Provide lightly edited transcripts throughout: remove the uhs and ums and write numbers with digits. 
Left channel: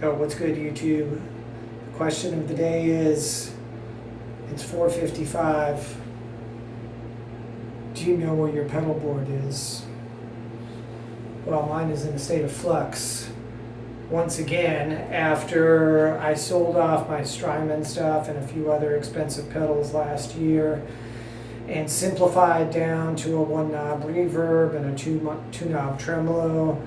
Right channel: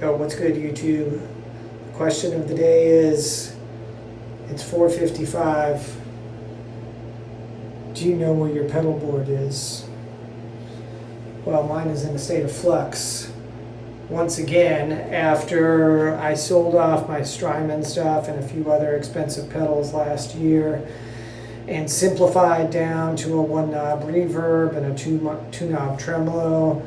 Yo, what's good, YouTube? Question of the day is, it's 4:55. Do you know where your pedal board is? Well, mine is in a state of flux. Once again, after I sold off my Strymon stuff and a few other expensive pedals last year and simplified down to a one-knob reverb and a two-knob tremolo,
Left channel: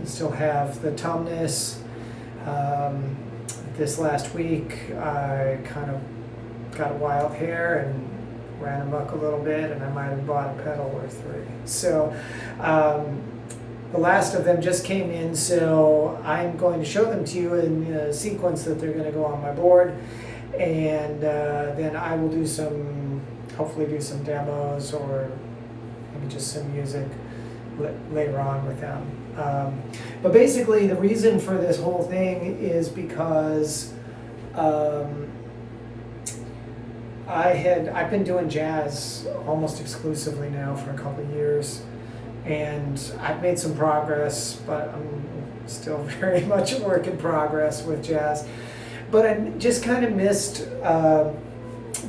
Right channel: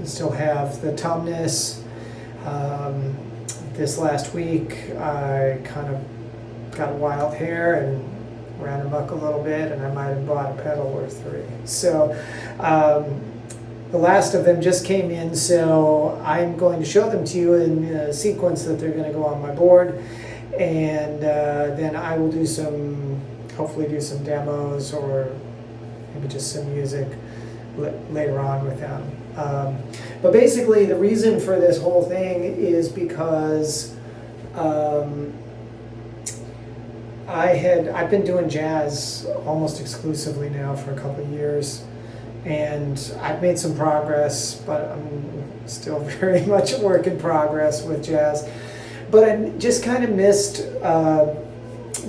you still have the tumness. This last week I kind of got wild hair and ran amok a little bit, and I might have bought a pedal or three. So the last of them just came in, so I'm going to show them to you in a sequence that they're going to go on my board, and then I will do hopefully do some demos or maybe just some music later on with them. But basically the reason for this whole thing is because I've been doing jazz almost exclusively now for a couple of years, and I've made some progress, but I'm still very much a work in progress with jazz. But I just kind of missed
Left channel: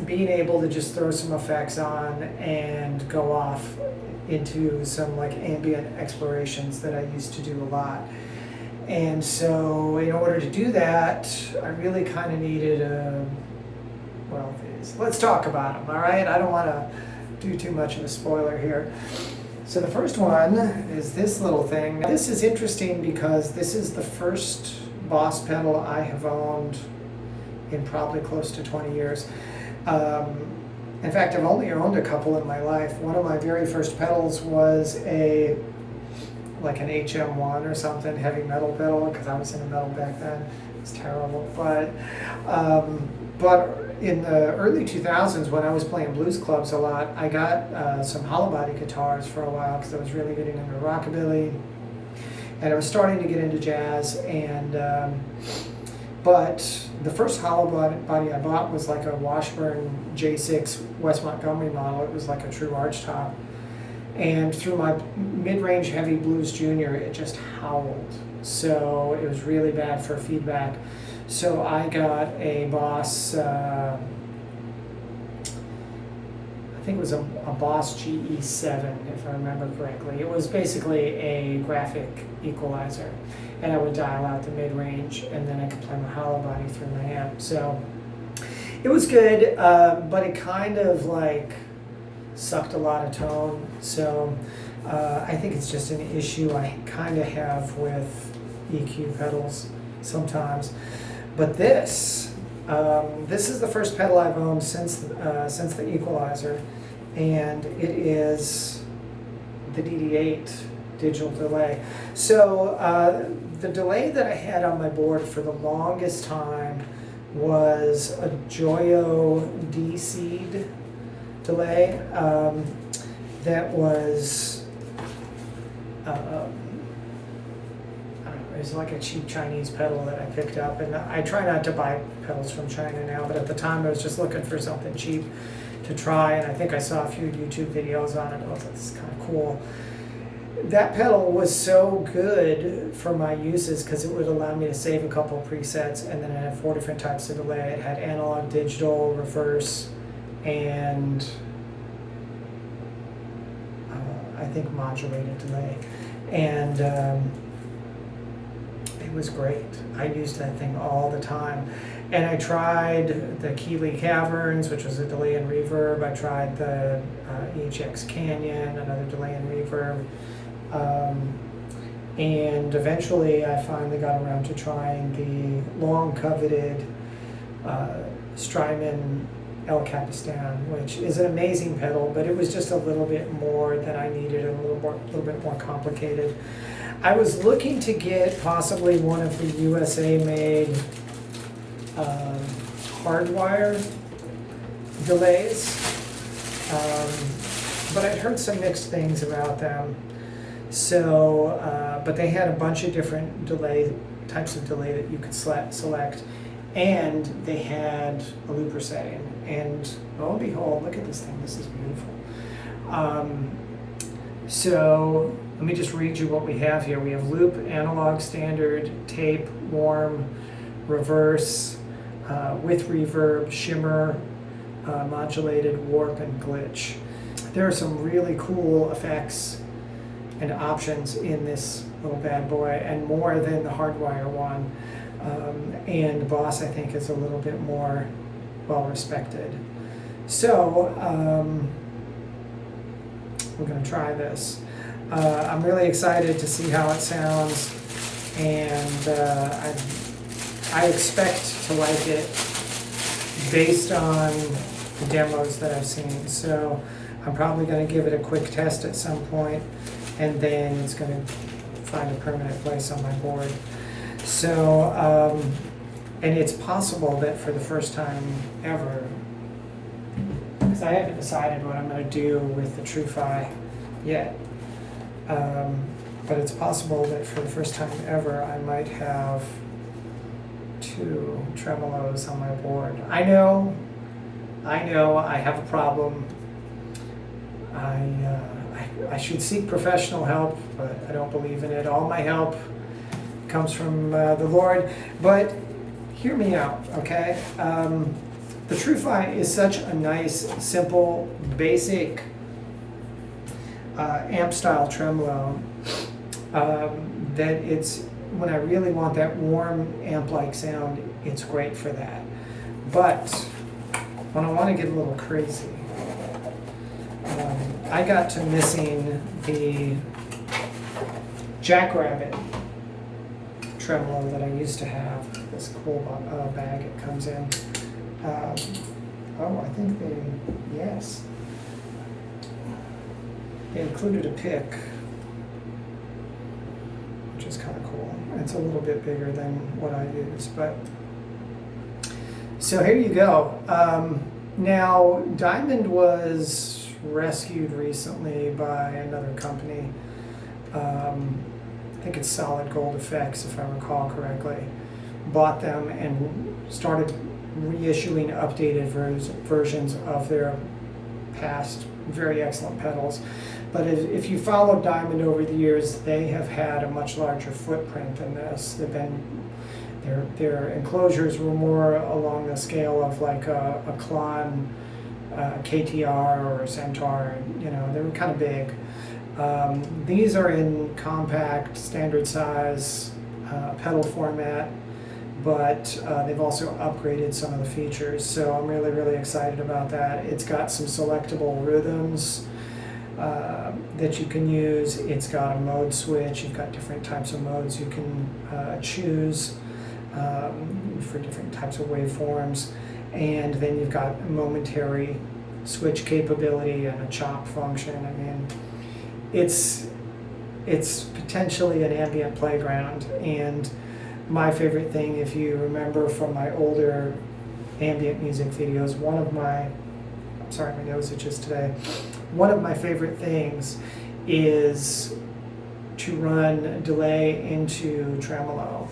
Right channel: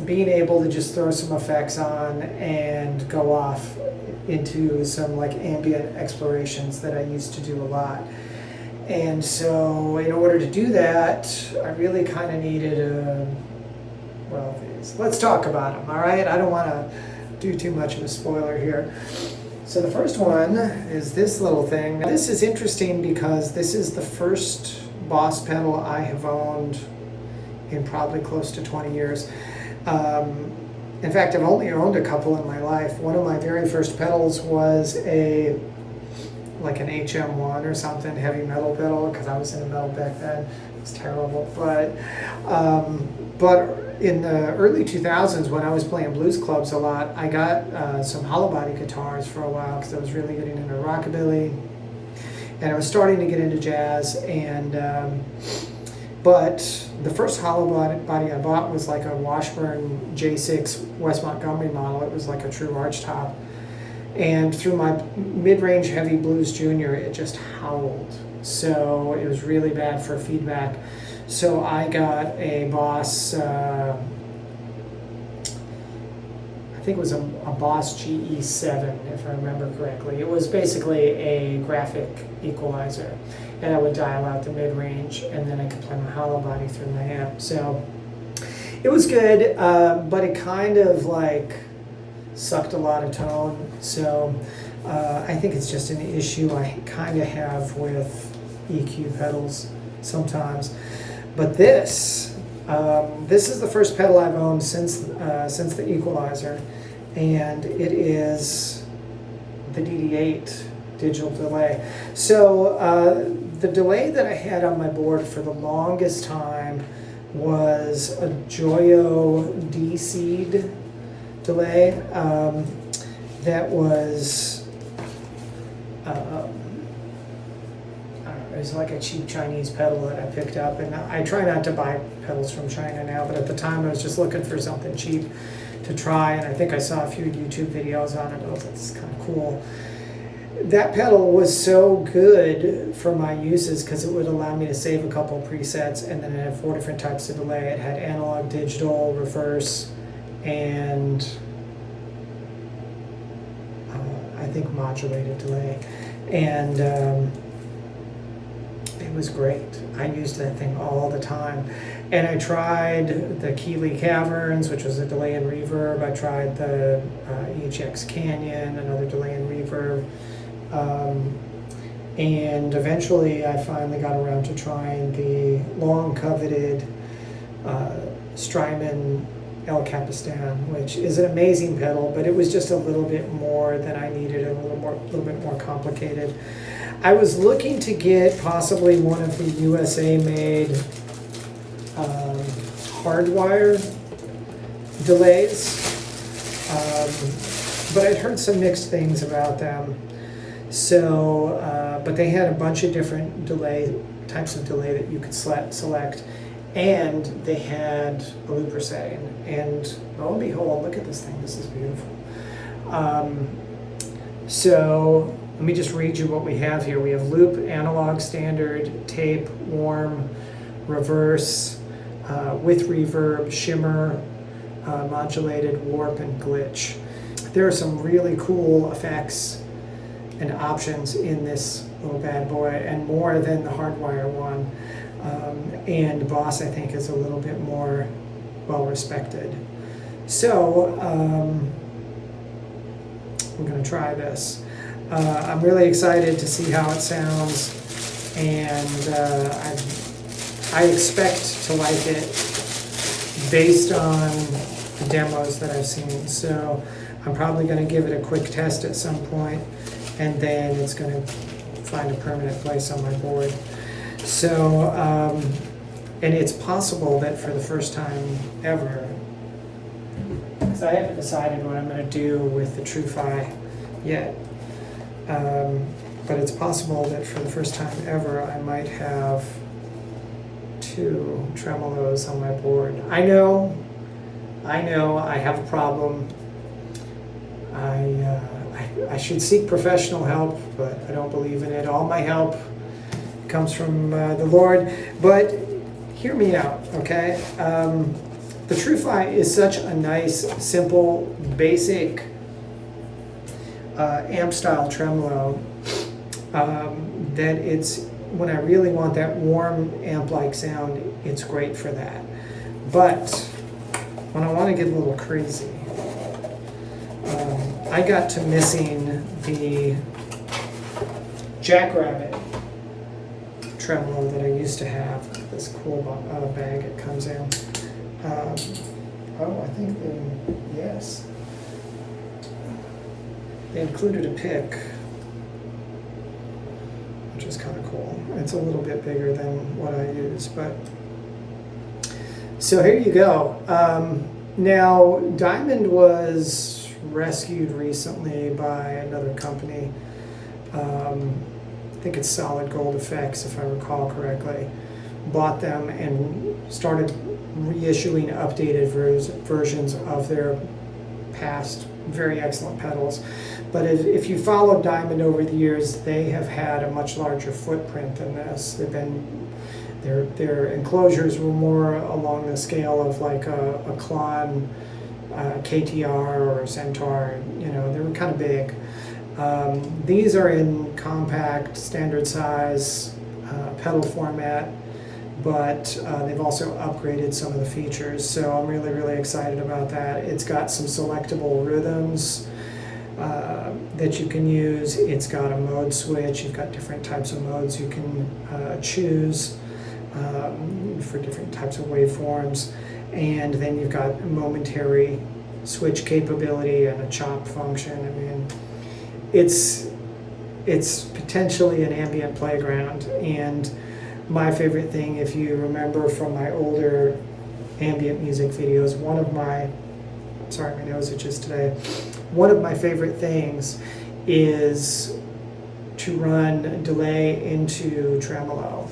being able to just throw some effects on and go off into some like ambient explorations that I used to do a lot. And so in order to do that, I really kind of needed let's talk about them, all right? I don't want to do too much of a spoiler here. So the first one is this little thing. Now, this is interesting because this is the first Boss pedal I have owned in probably close to 20 years. In fact, I've only owned a couple in my life. One of my very first pedals was like an HM1 or something, heavy metal pedal, because I was in a metal back then. It was terrible. But in the early 2000s, when I was playing blues clubs a lot, I got some hollow body guitars for a while because I was really getting into rockabilly, and I was starting to get into jazz. But the first hollow body I bought was like a Washburn J6 West Montgomery model. It was like a true arch top. And through my mid-range heavy blues junior, it just howled. So it was really bad for feedback. So I got a Boss, I think it was a Boss GE7, if I remember correctly. It was basically a graphic equalizer, and I would dial out the mid-range, and then I could play my hollow body through my amp. So it was good, but it kind of like sucked a lot of tone. So I think it's just an issue I kind of have with EQ pedals sometimes. But this is the first pedal I've owned since the equalizer, and it is the DD-8 digital delay. So the delay that I had on my board for the longest time was a Joyo D-Seed delay that was it was like a cheap Chinese pedal that I picked up, and I try not to buy pedals from China now, but at the time I was just looking for something cheap to try, and I think I saw a few YouTube videos on it. I was like, this is kind of cool. That pedal was so good for my uses because it would allow me to save a couple of presets, and then it had 4 different types of delay. It had analog, digital, reverse, and I think modulated delay. And it was great. I used that thing all the time. And I tried the Keeley Caverns, which was a delay and reverb. I tried the EHX Canyon, another delay and reverb. And eventually I finally got around to trying the long coveted Strymon El Capistan, which is an amazing pedal, but it was just a little bit more than I needed and a little bit more complicated. I was looking to get possibly one of the USA-made hardwire delays, but I'd heard some mixed things about them. So, but they had a bunch of different types of delay that you could select, and they had a looper setting. And lo and behold, look at this thing. This is beautiful. So let me just read you what we have here. We have loop, analog, standard, tape, warm, reverse, with reverb, shimmer, modulated, warp, and glitch. There are some really cool effects and options in this little bad boy, and more than the hardwire one. And Boss, I think, is a little bit more well respected. So we're going to try this. I'm really excited to see how it sounds, and I expect to like it based on the demos that I've seen. So I'm probably going to give it a quick test at some point, and then it's going to find a permanent place on my board. So, and it's possible that for the first time ever, because I haven't decided what I'm going to do with the TrueFi yet, but it's possible that for the first time ever I might have 2 tremolos on my board. I know, I have a problem. I should seek professional help, but I don't believe in it. All my help comes from the Lord. But hear me out, okay? The TrueFi is such a nice, simple, basic amp-style tremolo that it's, when I really want that warm amp-like sound, it's great for that. But when I want to get a little crazy, I got to missing the Jackrabbit tremolo that I used to have. This cool bag it comes in. Oh, I think yes. They included a pick, which is kind of cool. It's a little bit bigger than what I use, but so here you go. Now, Diamond was rescued recently by another company. I think it's Solid Gold Effects, if I recall correctly. Bought them and started reissuing updated versions of their past very excellent pedals. But if you follow Diamond over the years, they have had a much larger footprint than this. They've been, their enclosures were more along the scale of like a Klon KTR or a Centaur. You know, they were kind of big. These are in compact, standard size pedal format, but they've also upgraded some of the features, so I'm really, really excited about that. It's got some selectable rhythms that you can use. It's got a mode switch. You've got different types of modes you can choose for different types of waveforms, and then you've got momentary switch capability and a chop function. I mean, it's potentially an ambient playground. And my favorite thing, if you remember from my older ambient music videos, one of my nose itches today. One of my favorite things is to run delay into tremolo.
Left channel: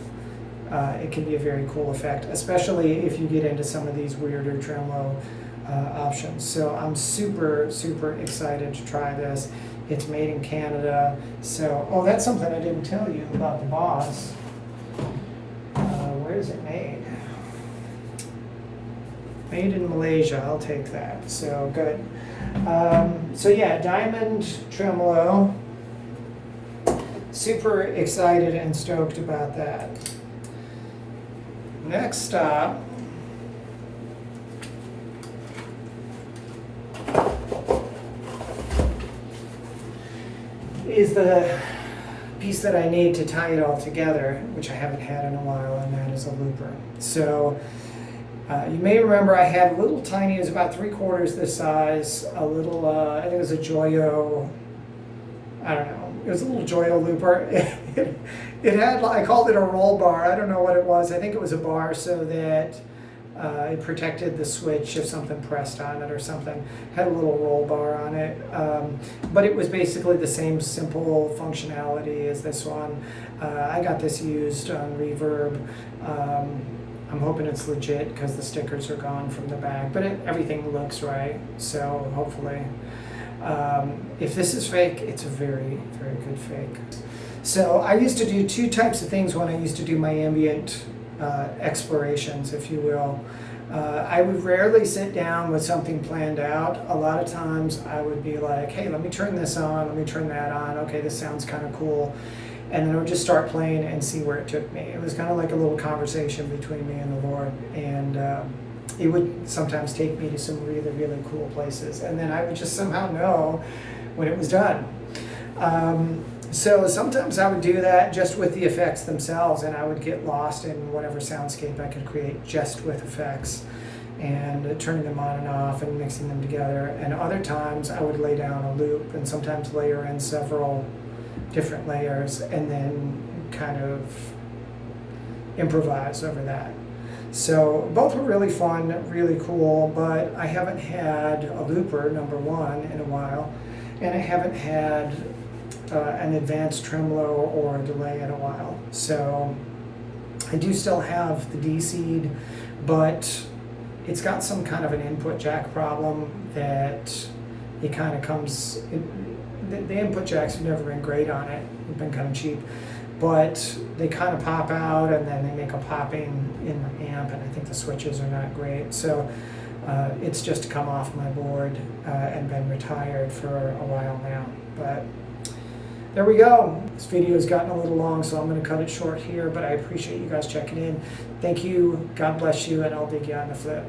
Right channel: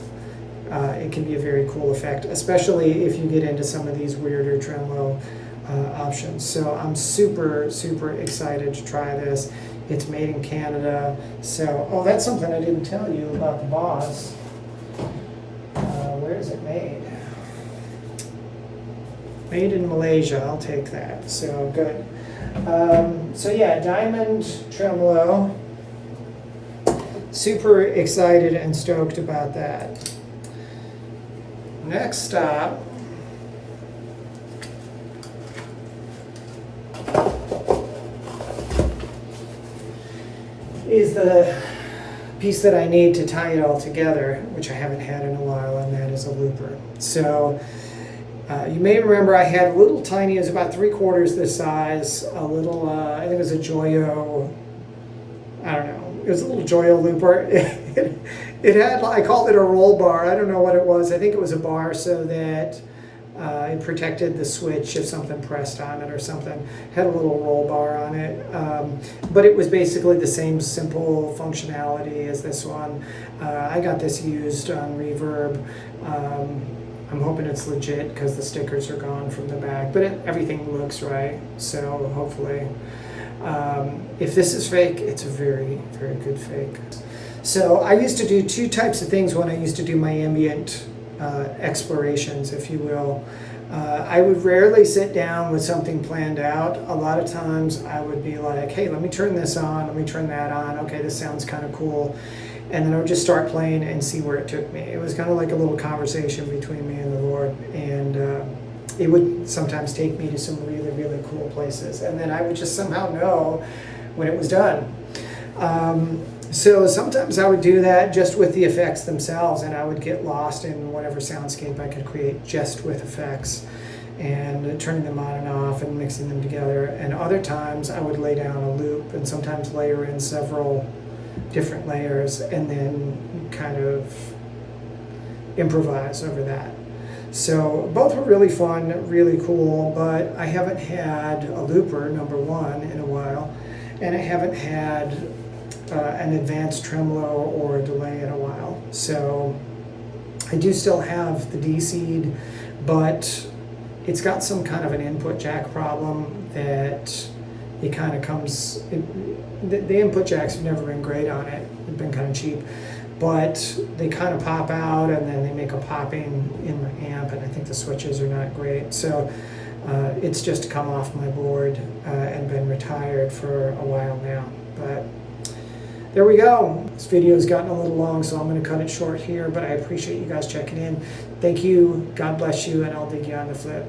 It can be a very cool effect, especially if you get into some of these weirder tremolo options. So I'm super, super excited to try this. It's made in Canada. So, oh, that's something I didn't tell you about the Boss. Where is it made? Made in Malaysia. I'll take that. So good. So yeah, Diamond Tremolo. Super excited and stoked about that. Next stop is the piece that I need to tie it all together, which I haven't had in a while, and that is a looper. So you may remember I had a little tiny, it was about 3/4 this size, a little, I think it was a Joyo, I don't know, it was a little Joyo looper. It had, I called it a roll bar, I don't know what it was, I think it was a bar so that it protected the switch if something pressed on it or something. Had a little roll bar on it, but it was basically the same simple functionality as this one. I got this used on Reverb. I'm hoping it's legit because the stickers are gone from the back, but everything looks right, so hopefully. If this is fake, it's a very, very good fake. So I used to do two types of things when I used to do my ambient explorations, if you will. I would rarely sit down with something planned out. A lot of times I would be like, hey, let me turn this on, let me turn that on. Okay, this sounds kind of cool. And then I would just start playing and see where it took me. It was kind of like a little conversation between me and the Lord. And it would sometimes take me to some really, really cool places. And then I would just somehow know when it was done. So sometimes I would do that just with the effects themselves, and I would get lost in whatever soundscape I could create just with effects and turning them on and off and mixing them together. And other times I would lay down a loop and sometimes layer in several different layers and then kind of improvise over that. So both were really fun, really cool, but I haven't had a looper, number one, in a while, and I haven't had an advanced tremolo or a delay in a while. So I do still have the D-seed, but it's got some kind of an input jack problem that it kind of comes, the input jacks have never been great on it, they've been kind of cheap, but they kind of pop out and then they make a popping in the amp, and I think the switches are not great. So it's just come off my board and been retired for a while now. But there we go. This video has gotten a little long, so I'm going to cut it short here, but I appreciate you guys checking in. Thank you, God bless you, and I'll dig you on the flip.